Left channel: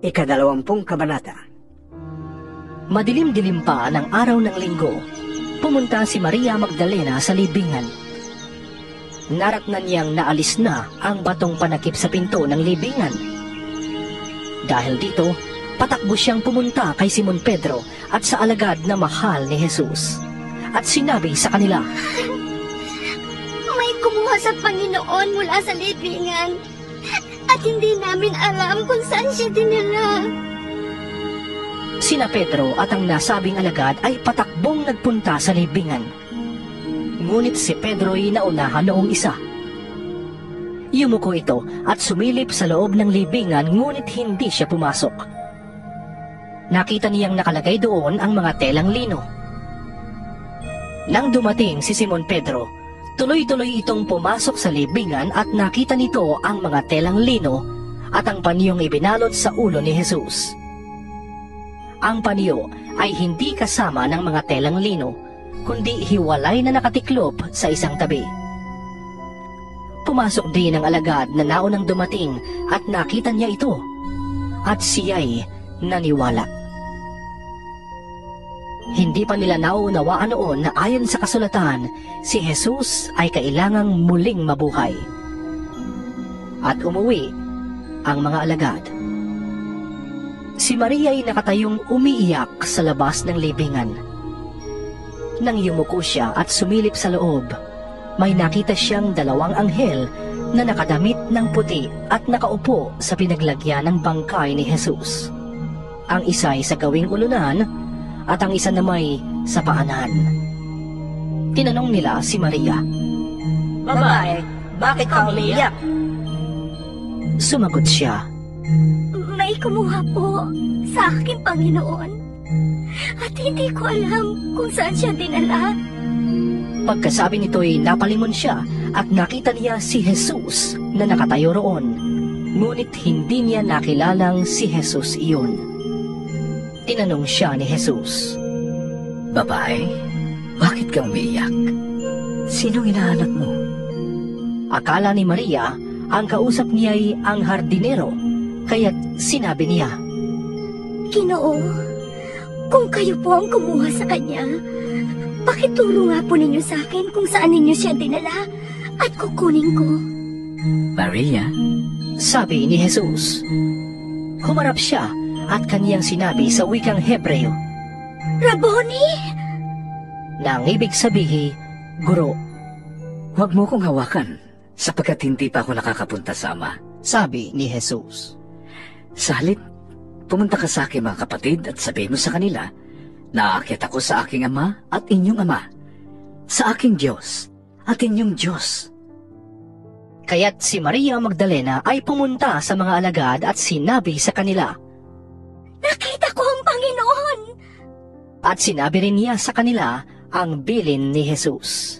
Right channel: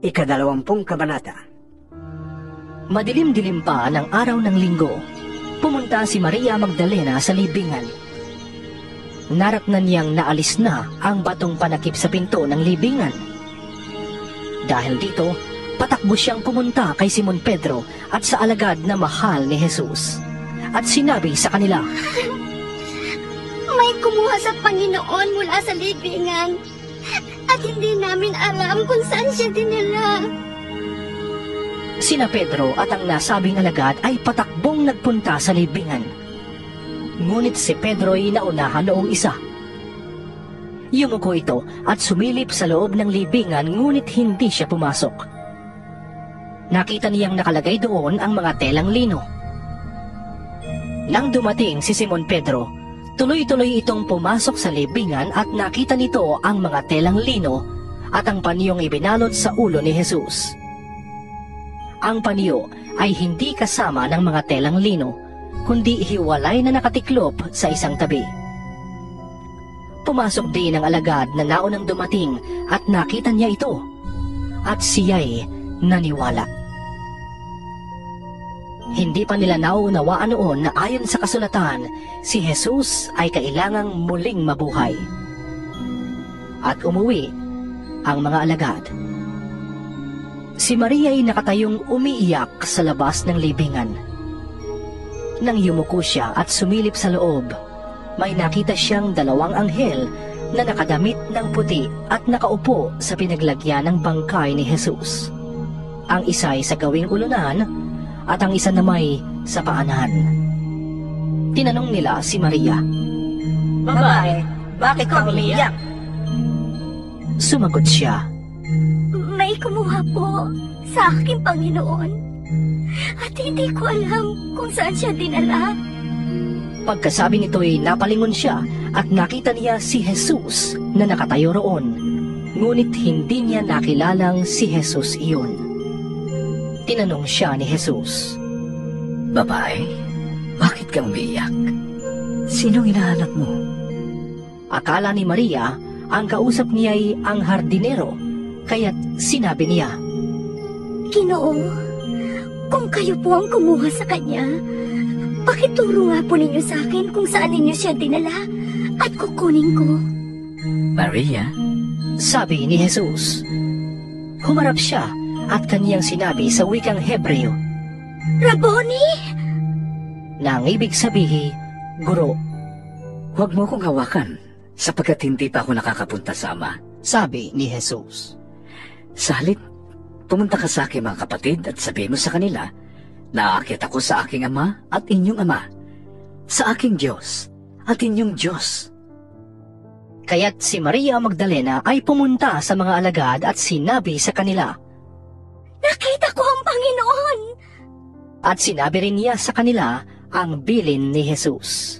Ika-20 kabanata. Madilim-dilim pa ng araw ng linggo, pumunta si Maria Magdalena sa libingan. Naratnan niyang naalis na ang batong panakip sa pinto ng libingan. Dahil dito, patakbo siyang pumunta kay Simon Pedro at sa alagad na mahal ni Jesus. At sinabi sa kanila, "May kumuha sa Panginoon mula sa libingan at hindi namin alam kung saan siya dinala." Sina Pedro at ang nasabing alagad ay patakbong nagpunta sa libingan. Ngunit si Pedro ay naunahan noong isa. Yumuko ito at sumilip sa loob ng libingan ngunit hindi siya pumasok. Nakita niyang nakalagay doon ang mga telang lino. Nang dumating si Simon Pedro, tuloy-tuloy itong pumasok sa libingan at nakita nito ang mga telang lino at ang paniyong ibinalot sa ulo ni Jesus. Ang paniyo ay hindi kasama ng mga telang lino, kundi hiwalay na nakatiklop sa isang tabi. Pumasok din ang alagad na naunang dumating at nakita niya ito, at siya'y naniwala. Hindi pa nila nauunawaan noon na ayon sa kasulatan, si Jesus ay kailangang muling mabuhay. At umuwi ang mga alagad. Si Maria ay nakatayong umiiyak sa labas ng libingan. Nang yumuko siya at sumilip sa loob, may nakita siyang 2 anghel na nakadamit ng puti at nakaupo sa pinaglagyan ng bangkay ni Jesus. Ang isa ay sa gawing ulunan at ang isa namay sa paanan. Tinanong nila si Maria, "Babae, bakit ka umiyak?" Sumagot siya, "May kumuha po sa aking Panginoon at hindi ko alam kung saan siya dinala." Pagkasabi nito'y napalingon siya at nakita niya si Jesus na nakatayo roon, ngunit hindi niya nakilalang si Jesus iyon. Tinanong siya ni Jesus, "Babae, bakit ka umiyak? Sino hinahanap mo?" Akala ni Maria ang kausap niya ay ang hardinero, kaya't sinabi niya, "Ginoo, kung kayo po ang kumuha sa kanya, pakituro nga po ninyo sa akin kung saan ninyo siya dinala at kukunin ko." "Maria?" sabi ni Jesus. Humarap siya at kaniyang sinabi sa wikang Hebreo, "Rabboni!" na ang ibig sabihin, guro. "Huwag mo kong hawakan, sapagkat hindi pa ako nakakapunta sa Ama," sabi ni Jesus. "Sa halip, pumunta ka sa aking mga kapatid at sabihin mo sa kanila, naaakyat ako sa aking Ama at inyong Ama, sa aking Diyos at inyong Diyos." Kaya't si Maria Magdalena ay pumunta sa mga alagad at sinabi sa kanila, "Nakita ko ang Panginoon!" At sinabi rin niya sa kanila ang bilin ni Jesus.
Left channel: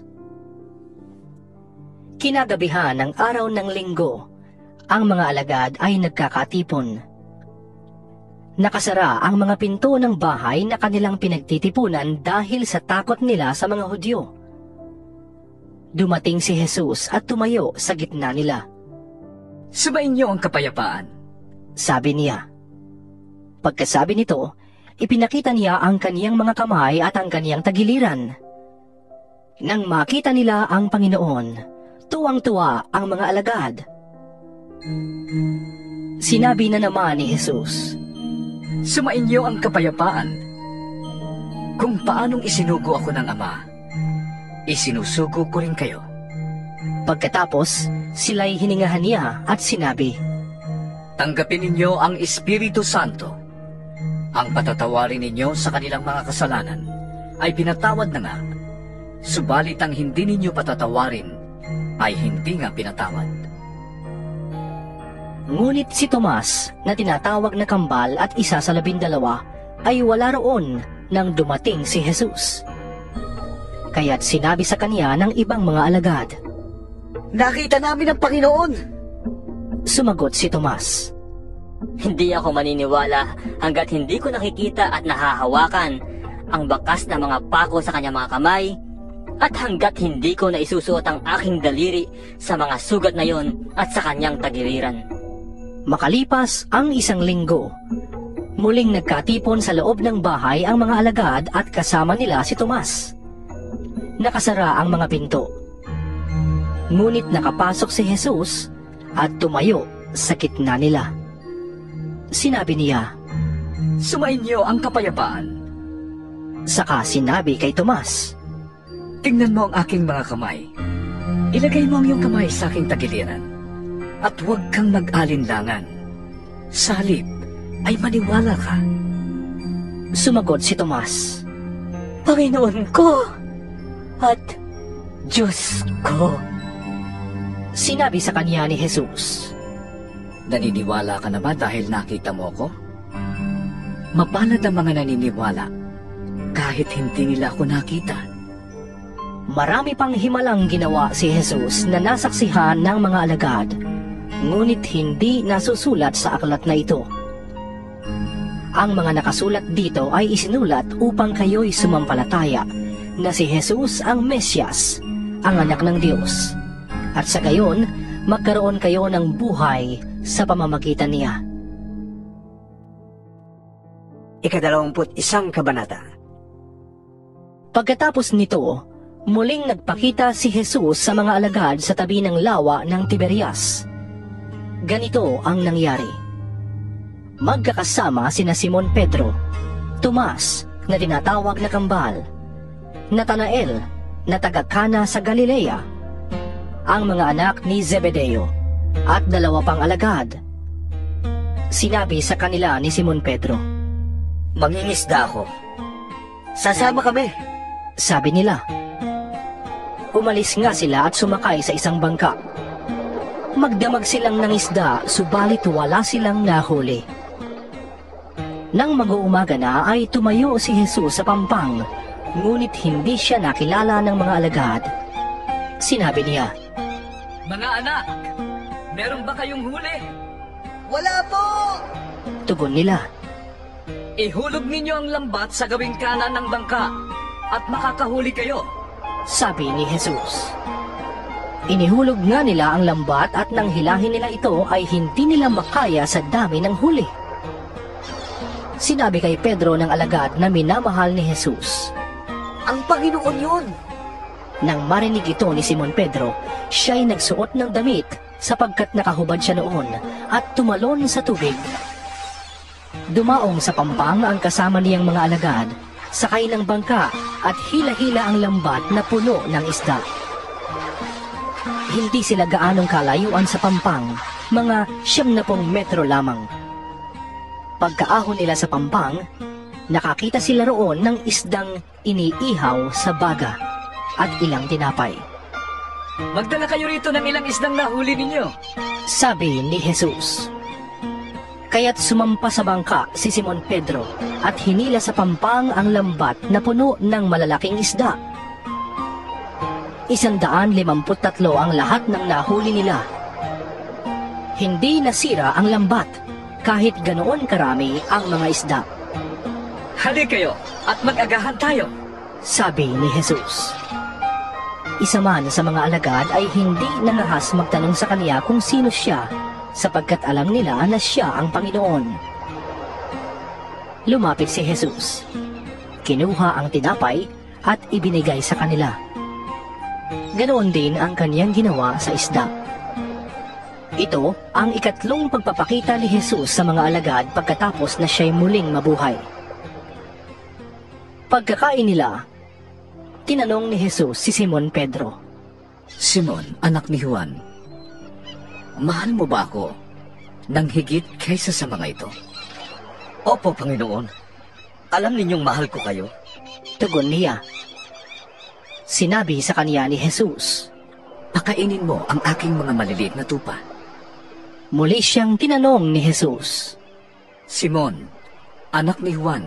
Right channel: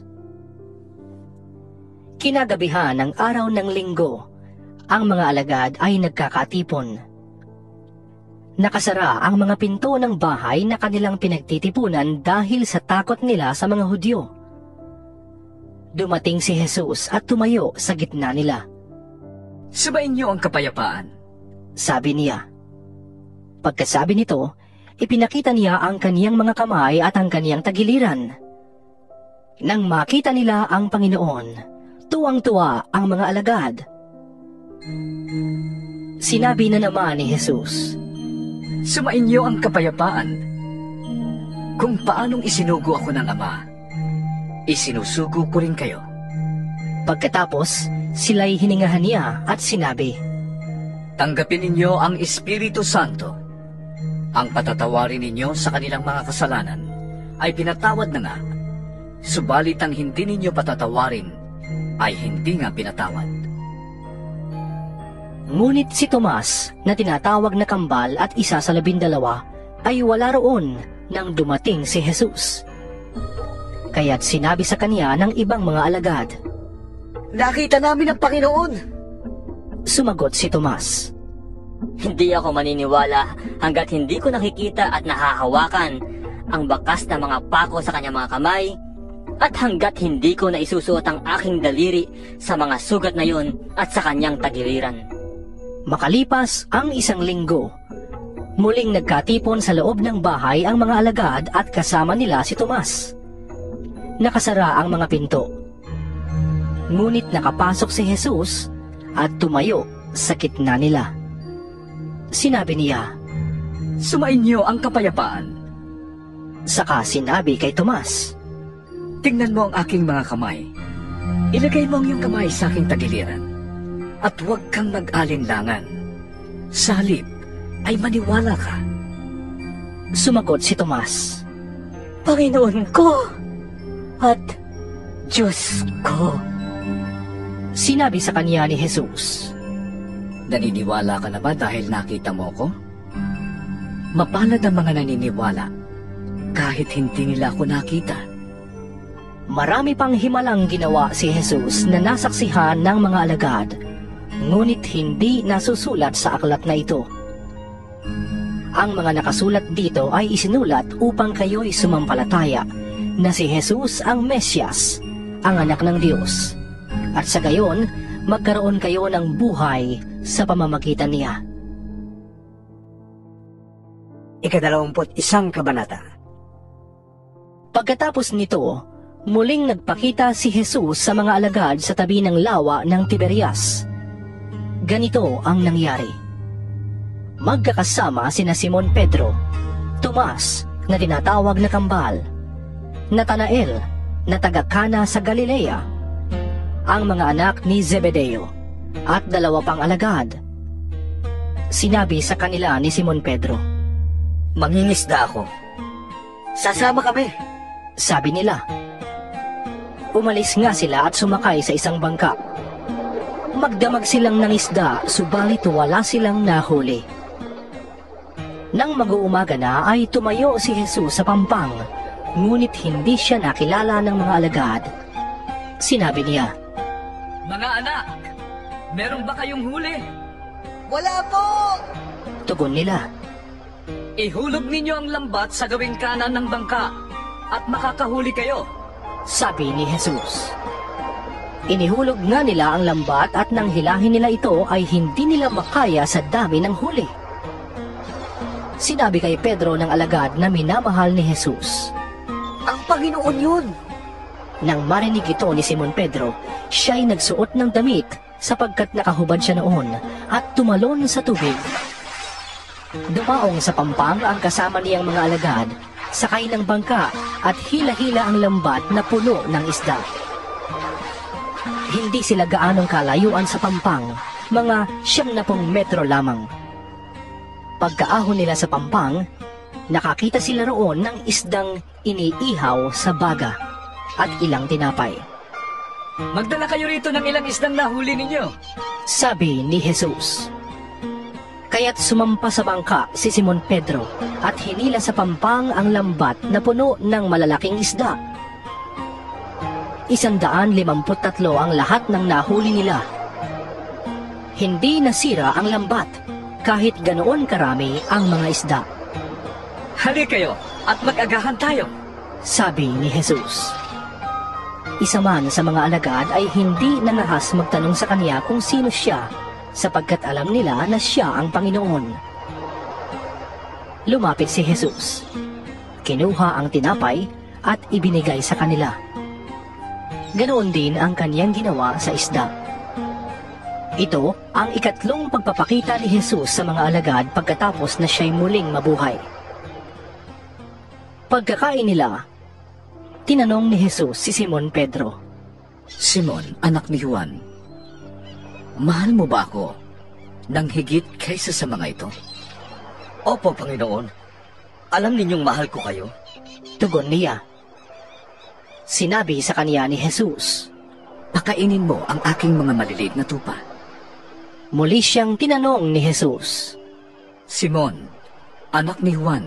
Kinagabihan ng araw ng linggo, ang mga alagad ay nagkakatipon. Nakasara ang mga pinto ng bahay na kanilang pinagtitipunan dahil sa takot nila sa mga Hudyo. Dumating si Jesus at tumayo sa gitna nila. "Sumainyo ang kapayapaan," sabi niya. Pagkasabi nito, ipinakita niya ang kaniyang mga kamay at ang kaniyang tagiliran. Nang makita nila ang Panginoon, tuwang-tuwa ang mga alagad. Sinabi na naman ni Jesus, "Sumainyo ang kapayapaan. Kung paanong isinugo ako ng Ama, isinusugo ko rin kayo." Pagkatapos, sila'y hiningahan niya at sinabi, "Tanggapin ninyo ang Espiritu Santo. Ang patatawarin ninyo sa kanilang mga kasalanan ay pinatawad na nga, subalit ang hindi ninyo patatawarin ay hindi nga pinatawad." Ngunit si Tomas, na tinatawag na kambal at isa sa 12, ay wala roon nang dumating si Jesus. Kaya't sinabi sa kaniya ng ibang mga alagad, "Nakita namin ang Panginoon!" Sumagot si Tomas, "Hindi ako maniniwala hanggat hindi ko nakikita at nahahawakan ang bakas ng mga pako sa kanyang mga kamay at hanggat hindi ko naisusuot ang aking daliri sa mga sugat na yon at sa kanyang tagiliran." Makalipas ang 1 linggo, muling nagkatipon sa loob ng bahay ang mga alagad at kasama nila si Tomas. Nakasara ang mga pinto. Ngunit nakapasok si Jesus at tumayo sa gitna nila. Sinabi niya, Sumainyo ang kapayapaan. saka sinabi kay Tomas, Tingnan mo ang aking mga kamay. Ilagay mo ang iyong kamay sa aking tagiliran. At huwag kang mag-alinlangan. Sa halip ay maniwala ka. Sumagot si Tomas, Panginoon ko at Diyos ko. Sinabi sa kanya ni Jesus, Naniniwala ka na ba dahil nakita mo ko? Mapalad ang mga naniniwala kahit hindi nila ako nakita. marami pang himalang ginawa si Jesus na nasaksihan ng mga alagad, ngunit hindi nasusulat sa aklat na ito. Ang mga nakasulat dito ay isinulat upang kayo'y sumampalataya na si Jesus ang Mesyas, ang anak ng Diyos, at sa gayon, magkaroon kayo ng buhay sa pamamagitan niya. 21 Kabanata. Pagkatapos nito, muling nagpakita si Jesus sa mga alagad sa tabi ng lawa ng Tiberias. Ganito ang nangyari. Magkakasama sina Simon Pedro, Tomas na tinatawag na Kambal, Natanael na taga-Kana sa Galilea, ang mga anak ni Zebedeo, at 2 pang alagad. Sinabi sa kanila ni Simon Pedro, Mangingisda ako. Sasama kami. Sabi nila. Umalis nga sila at sumakay sa isang bangka. Magdamag silang ng isda, subalit wala silang nahuli. Nang mag-uumaga na ay tumayo si Jesus sa pampang, ngunit hindi siya nakilala ng mga alagad. Sinabi niya, Mga anak, meron ba kayong huli? Wala po! tugon nila. Ihulog ninyo ang lambat sa gawing kanan ng bangka at makakahuli kayo. Sabi ni Jesus. Inihulog nga nila ang lambat at nang hilahin nila ito ay hindi nila makaya sa dami ng huli. Sinabi kay Pedro ng alagad na minamahal ni Jesus, Ang Panginoon yun! Nang marinig ito ni Simon Pedro, siya'y nagsuot ng damit sapagkat nakahubad siya noon at tumalon sa tubig. Dumaong sa pampang ang kasama niyang mga alagad, sakay ng bangka at hila-hila ang lambat na puno ng isda. Hindi sila gaanong kalayuan sa pampang, mga 90 metro lamang. Pagkaahon nila sa pampang, nakakita sila roon ng isdang iniihaw sa baga at ilang tinapay. Magdala kayo rito ng ilang isdang nahuli ninyo. Sabi ni Jesus. Kaya't sumampa sa bangka si Simon Pedro at hinila sa pampang ang lambat na puno ng malalaking isda. 153 ang lahat ng nahuli nila. Hindi nasira ang lambat kahit ganoon karami ang mga isda. Hali kayo at mag-agahan tayo. Sabi ni Jesus. Isa man sa mga alagad ay hindi nanahas magtanong sa kanya kung sino siya, sapagkat alam nila na siya ang Panginoon. Lumapit si Jesus. Kinuha ang tinapay at ibinigay sa kanila. Ganoon din ang kaniyang ginawa sa isda. Ito ang ikatlong pagpapakita ni Jesus sa mga alagad pagkatapos na siya'y muling mabuhay. Pagkakain nila, tinanong ni Jesus si Simon Pedro, Simon, anak ni Juan, mahal mo ba ako nang higit kaysa sa mga ito? Opo, Panginoon. Alam ninyong mahal ko kayo. Tugon niya. Sinabi sa kanya ni Jesus, Pakainin mo ang aking mga maliliit na tupa. Muli siyang tinanong ni Jesus, Simon, anak ni Juan,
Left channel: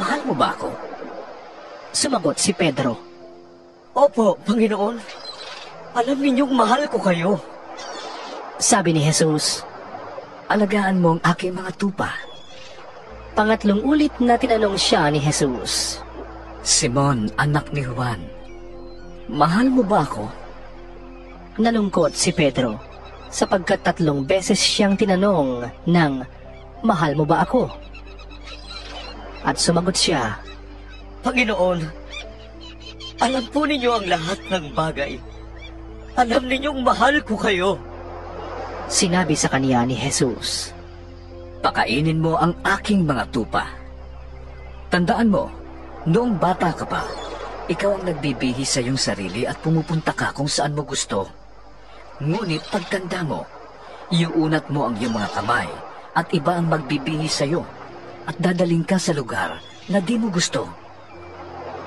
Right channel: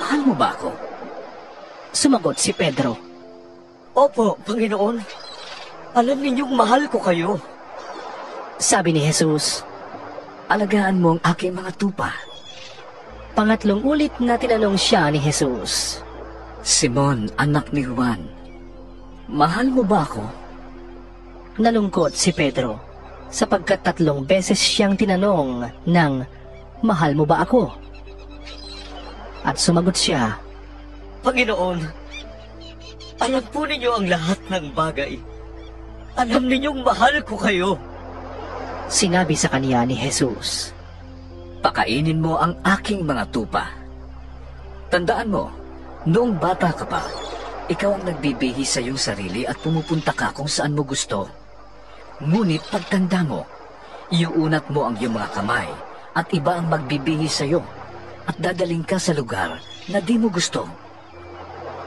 mahal mo ba ako? Sumagot si Pedro, Opo, Panginoon. Alam ninyong mahal ko kayo. Sabi ni Jesus. Alagaan mo ang aking mga tupa. Pangatlong ulit na tinanong siya ni Jesus, Simon, anak ni Juan, mahal mo ba ako? Nalungkot si Pedro. sapagkat 3 beses siyang tinanong ng, "Mahal mo ba ako?" At sumagot siya, Panginoon, alam po ninyo ang lahat ng bagay. Alam ninyong mahal ko kayo. Sinabi sa kanya ni Jesus, Pakainin mo ang aking mga tupa. Tandaan mo, noong bata ka pa, ikaw ang nagbibihis sa iyong sarili at pumupunta ka kung saan mo gusto. Ngunit pagtanda mo, iuunat mo ang iyong mga kamay at iba ang magbibihis sa iyo at dadaling ka sa lugar na di mo gusto.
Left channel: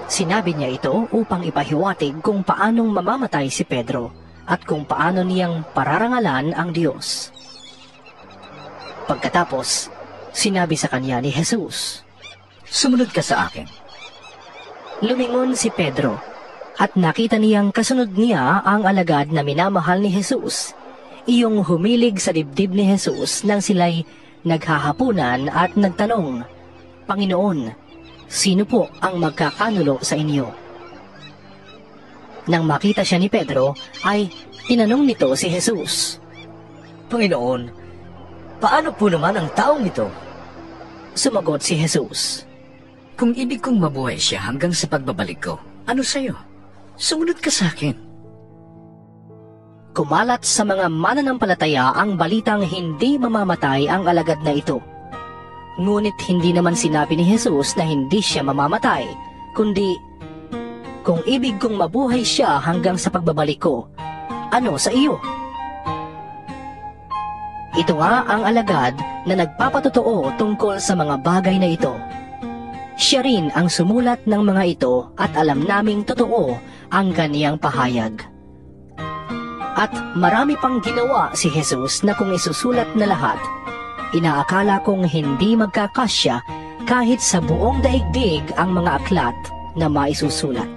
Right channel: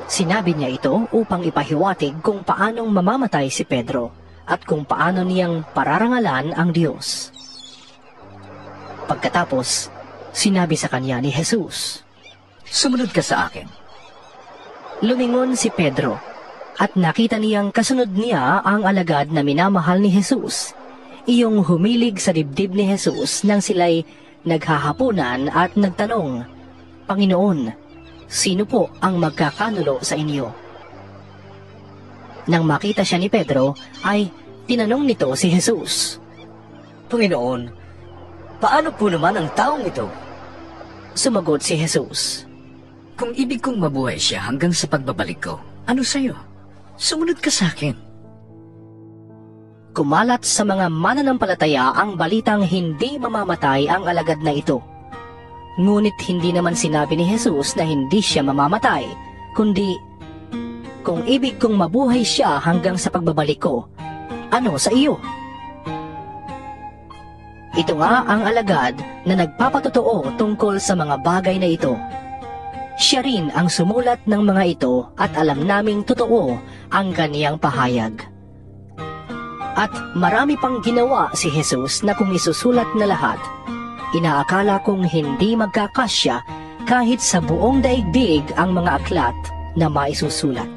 Sinabi niya ito upang ipahiwatig kung paanong mamamatay si Pedro at kung paano niyang pararangalan ang Diyos. Pagkatapos, sinabi sa kanya ni Jesus, Sumunod ka sa akin. Lumingon si Pedro at nakita niyang kasunod niya ang alagad na minamahal ni Jesus, iyong humilig sa dibdib ni Jesus nang sila'y naghahapunan at nagtanong, Panginoon, sino po ang magkakanulo sa inyo? Nang makita siya ni Pedro, ay tinanong nito si Jesus. Panginoon, paano po naman ang taong ito? Sumagot si Jesus, Kung ibig kong mabuhay siya hanggang sa pagbabalik ko, ano sa'yo? Sumunod ka sa akin. Kumalat sa mga mananampalataya ang balitang hindi mamamatay ang alagad na ito. Ngunit hindi naman sinabi ni Jesus na hindi siya mamamatay, kundi, kung ibig kong mabuhay siya hanggang sa pagbabalik ko, ano sa iyo? Ito nga ang alagad na nagpapatotoo tungkol sa mga bagay na ito. Siya rin ang sumulat ng mga ito at alam naming totoo ang kaniyang pahayag. At marami pang ginawa si Jesus na kung isusulat na lahat, inaakala kong hindi magkakasya kahit sa buong daigdig ang mga aklat na maisusulat.